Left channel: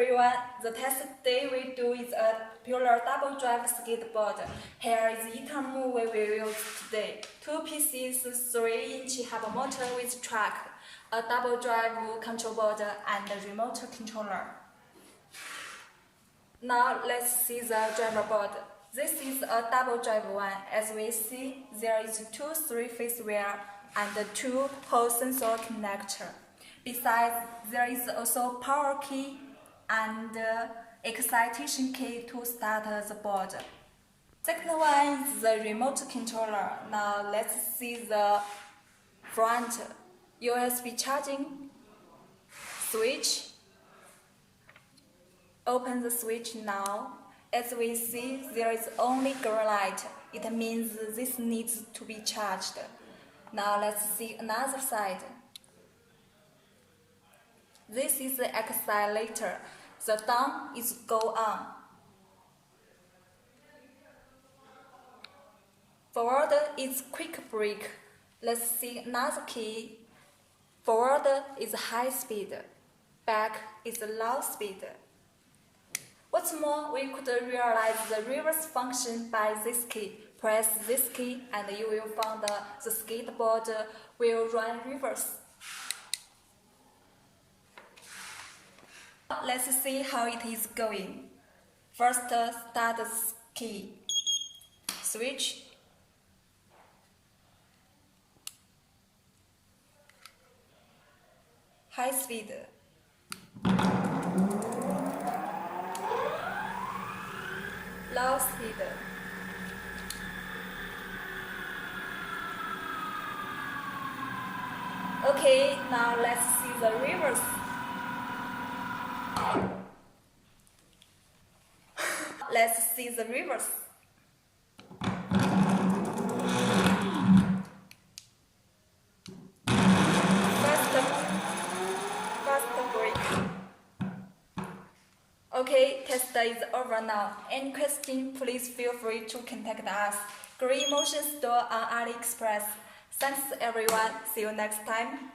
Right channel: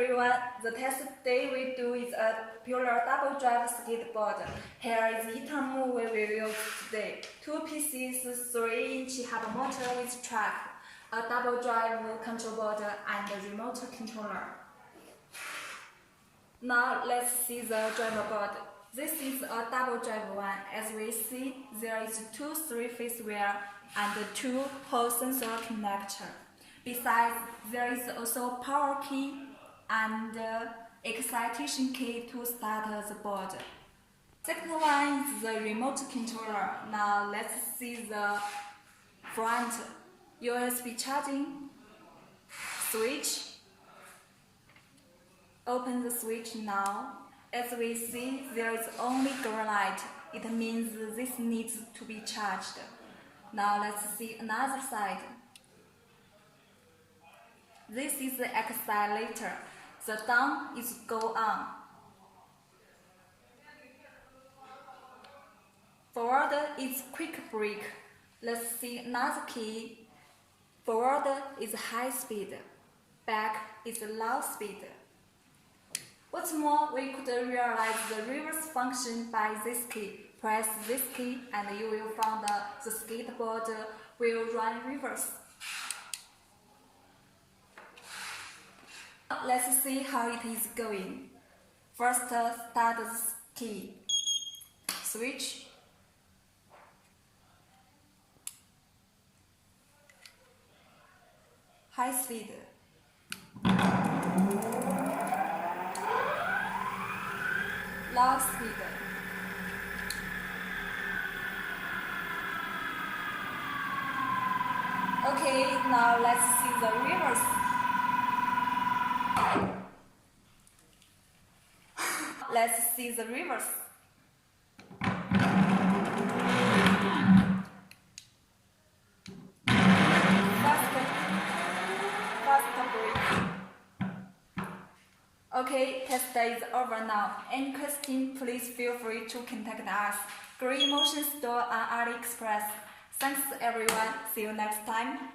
everyone, the test today we do is a pure double drive skateboard. Here is the item we will use today. 2 pieces, 3-inch hover motor with track, a double drive control board and a remote controller. Now let's see the driver board. This is a double drive one. As we see, there is 2 3-phase wheel and 2 hole sensor connector. Besides, there is also power key and excitation key to start the board. Second one is the remote controller. Now let's see the front USB charging switch. Open the switch now. As we see, there is only green light. It means this needs to be charged. Now let's see another side. This is the accelerator. The down is go on. Forward is quick brake. Let's see another key. Forward is high speed. Back is low speed. What's more, we could realize the reverse function by this key. Press this key and you will find the skateboard will run reverse. Let's see how it is going. First, start the key. Switch. High speed. Low speed. Okay, now let's see the reverse. Let's see the reverse. Faster brake. Okay, test is over now. Any question, please feel free to contact us. Green Motion Store on AliExpress. Thanks everyone. See you next time.